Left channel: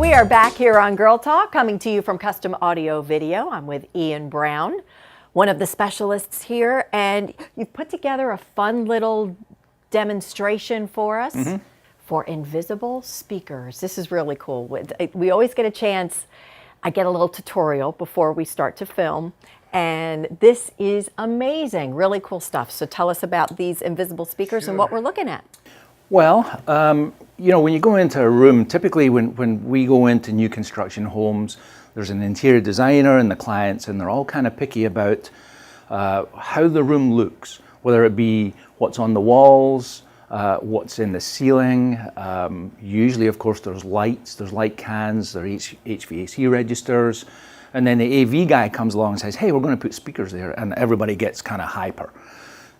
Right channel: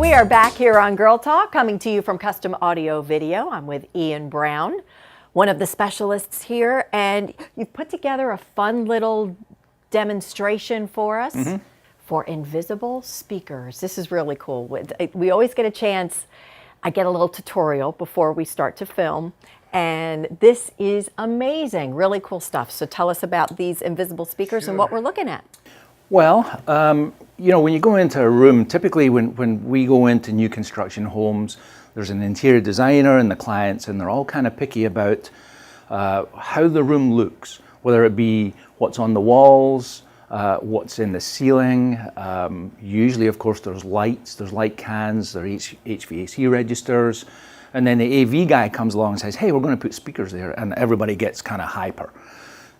We are back here on Girl Talk, coming to you from Custom Audio Video. I'm with Iain Brown, one of the specialists here, and you've put together a fun little demonstration for us for invisible speakers. This is really cool. We always get a chance, I get a little tutorial before we start to film, and this is amazing, really cool stuff. So tell us about these invisible speakers and what we're looking at. Well, you know, when you go into a room, typically when we go into new construction homes, there's an interior designer and the clients, and they're all kind of picky about how the room looks, whether it be what's on the walls, what's in the ceiling. Usually, of course, there's lights, there's light cans, there's HVAC registers, and then the AV guy comes along and says, hey, we're going to put speakers there, and everybody gets kind of hyper.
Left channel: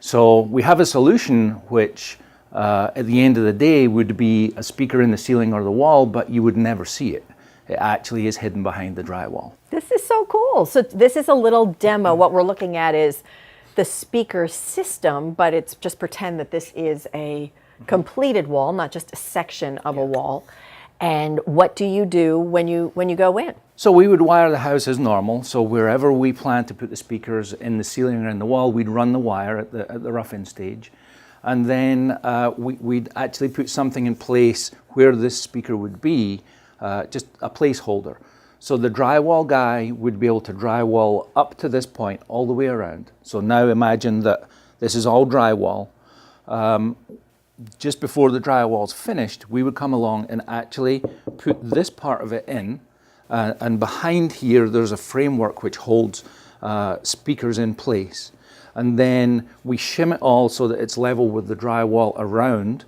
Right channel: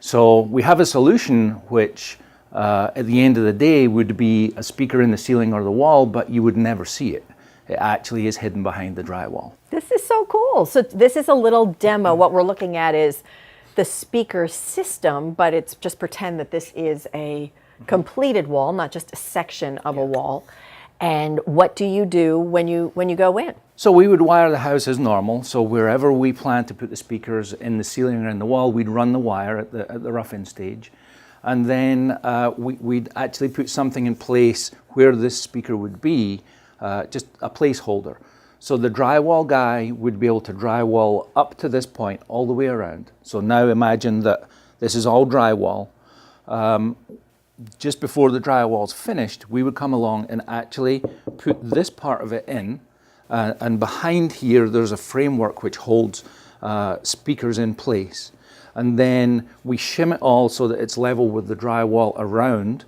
So we have a solution which at the end of the day would be a speaker in the ceiling or the wall, but you would never see it. It actually is hidden behind the drywall. This is so cool. So this is a little demo. What we're looking at is the speaker system, but it's just pretend that this is a completed wall, not just a section of a wall. And what do you do when you go in? So we would wire the house as normal. So wherever we plan to put the speakers, in the ceiling or in the wall, we'd run the wire at the rough-in stage. And then we'd actually put something in place where this speaker would be, just a placeholder. So the drywall guy would be able to drywall up to this point all the way around. So now imagine that this is all drywall. Just before the drywall's finished, we would come along and actually put this part of it in. And behind here, there's a framework which holds speakers in place. And then we shim it all so that it's level with the drywall around,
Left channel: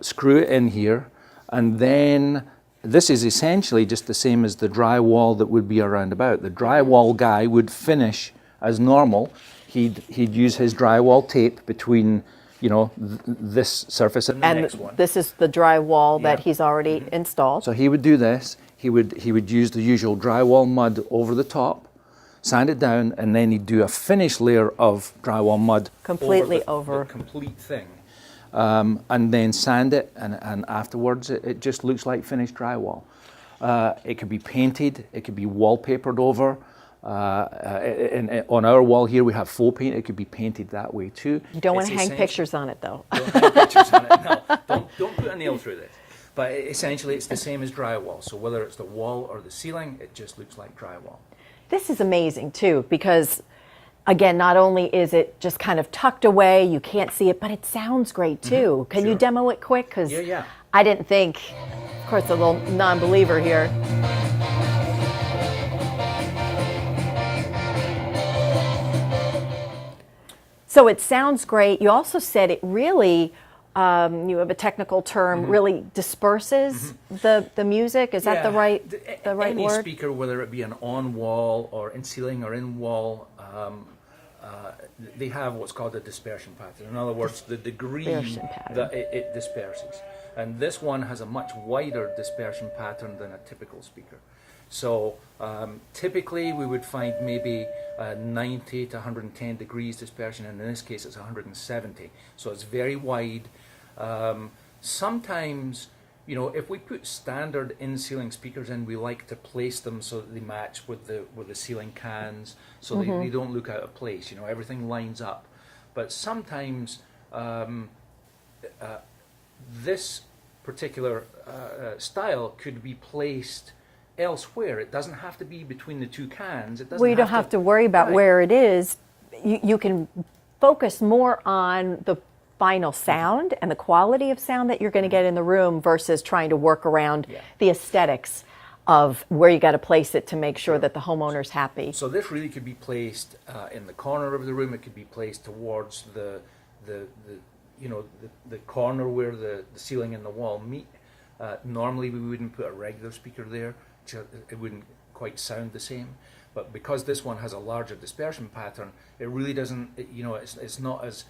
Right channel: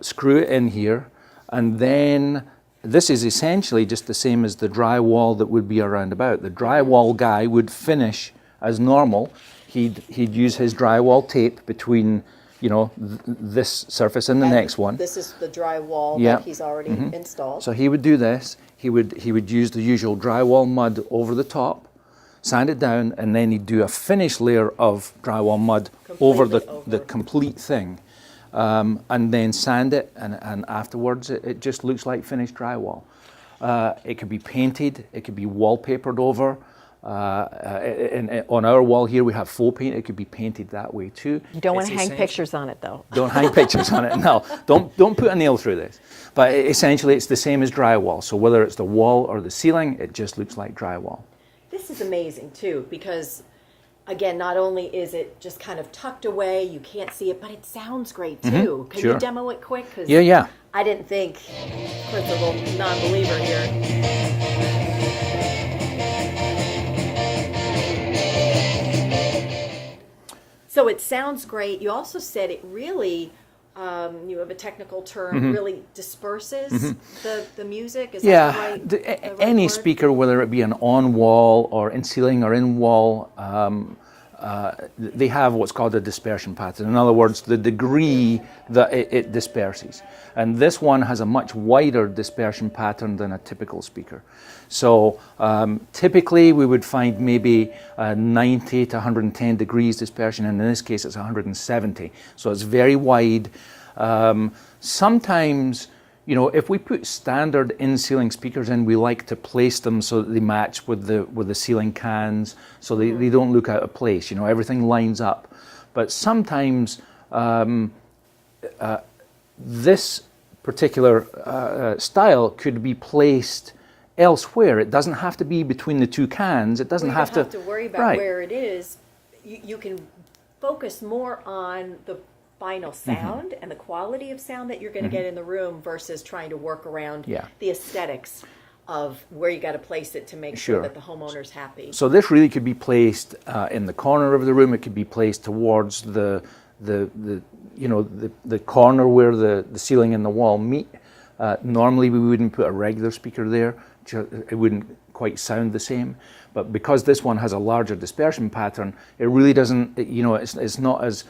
screw it in here, and then this is essentially just the same as the drywall that would be around about. The drywall guy would finish as normal. He'd use his drywall tape between, you know, this surface and the next one. This is the drywall that he's already installed. So he would do this. He would use the usual drywall mud over the top, sand it down, and then he'd do a finished layer of drywall mud over the complete thing. And then sand it, and afterwards it just looks like finished drywall. It could be painted, it could be wallpapered over. On our wall here we have faux paint, it could be painted that way too. You don't want to hang pictures on it though. Don't hang pictures on it, no. Don't put a nail through this. But essentially it's the same as drywall, so whether it's the wall or the ceiling, it just looks like drywall. This is amazing too, because again, not only is it just kind of tucked away, you can't see it, but it sounds great too. Can you demo it quick? Cause yeah. I didn't think, of course, a little non-believer here. So it sounds great. You also said it really, you have a technical term, really disperses the music. Is that the right any word? speaker, whether it be an on-wall or in ceiling or in-wall, they have what's called a dispersion pattern. In other words, the degree that it disperses. And this one has a much wider dispersion pattern than a typical speaker. So typically we would find maybe 90 to 110 degrees dispersion, and in this case it's 170. So it's very wide. Sometimes, you know, if we put standard in-ceiling speakers in, we like to place them so that they match with the ceiling cans, so they don't look out of place. You know, everything lines up. But sometimes this particular style could be placed elsewhere. It doesn't have to be between the two cans. It doesn't you don't have to worry about where it is. You can focus more on the final sound and the quality of sound that you're going to get in the room versus trying to work around the aesthetics of where you got to place it to make sure that the homeowner's happy. So this really could be placed in the corner of the room. It could be placed towards the corner where the ceiling and the wall meet. Normally we wouldn't put a regular speaker there. It wouldn't quite sound the same. But because this one has a larger dispersion pattern, it really doesn't, you know, it's not as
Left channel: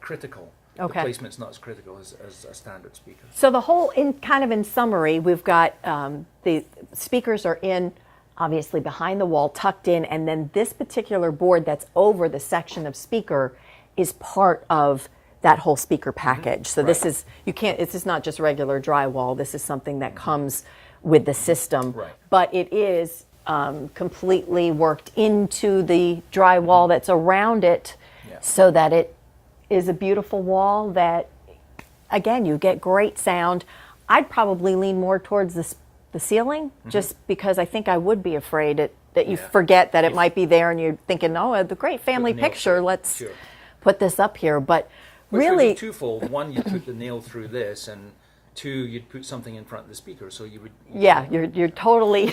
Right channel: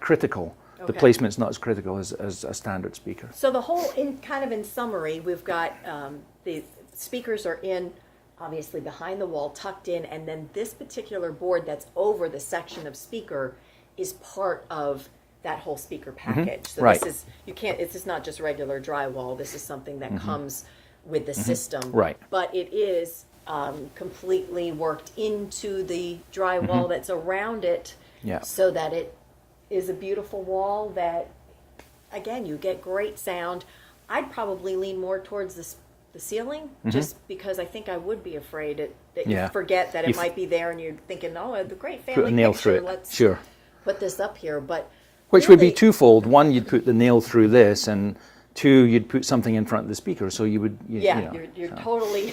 critical. The placement's not as critical as a standard speaker. So the whole, in summary, we've got the speakers are in, obviously behind the wall, tucked in, and then this particular board that's over the section of speaker is part of that whole speaker package. So this is, this is not just regular drywall. This is something that comes with the system. Right. But it is completely worked into the drywall that's around it, Yeah. so that it is a beautiful wall that, again, you get great sound. I'd probably lean more towards the ceiling, just because I think I would be afraid that you Yeah. forget that it might be there, and you're thinking, oh, the great family nail through picture, it. let's Sure. put this up here. But Which would be really, twofold. One, you'd put the nail through this, and two, you'd put something in front of the speaker. So you would. yeah, you're totally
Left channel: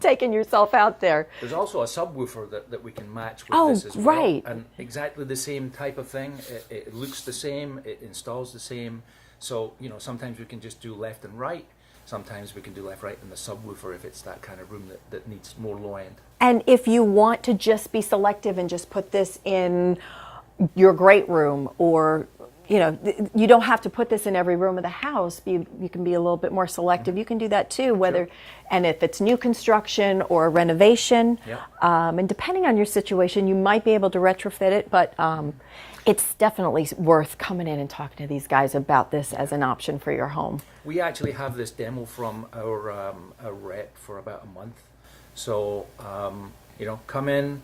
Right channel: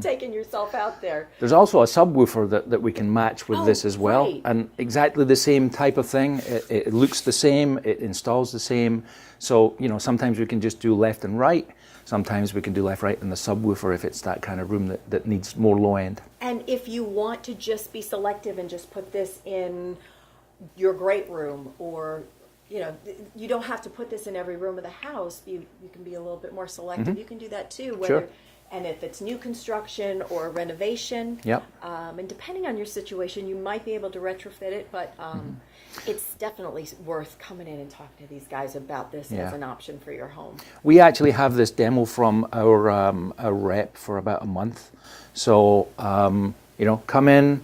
taking yourself out there. There's also a subwoofer that we can match with this as well, right. and exactly the same type of thing. It looks the same, it installs the same. So sometimes we can just do left and right. Sometimes we can do left, right, and the subwoofer if it's that kind of room that needs more low end. And if you want to just be selective and just put this in your great room, or you don't have to put this in every room of the house. You can be a little bit more selective. You can do that too, Sure. And if it's new construction or renovation, Yep. and depending on your situation, you might be able to retrofit it, but it's definitely worth coming in and talking to these guys about this as an option for your home. We actually have this demo from our rep for about a month. So, come in,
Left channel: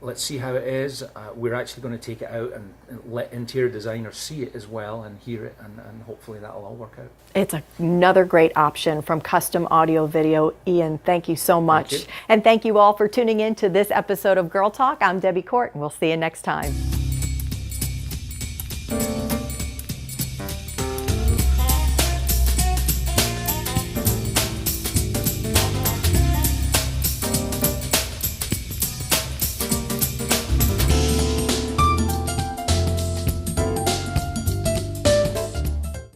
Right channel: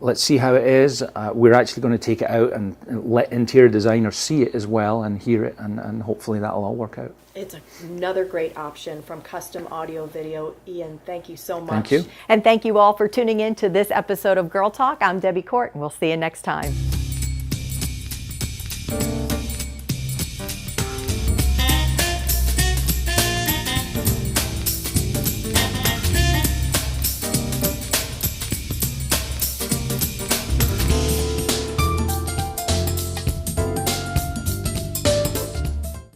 let's see how it is. We're actually going to take it out and let interior designers see it as well and hear it, and hopefully that'll all work out. It's another great option from Custom Audio Video. Iain, thank you so much. Thank you. And thank you all for tuning in to this episode of Girl Talk. I'm Debbie Court, and we'll see you next time.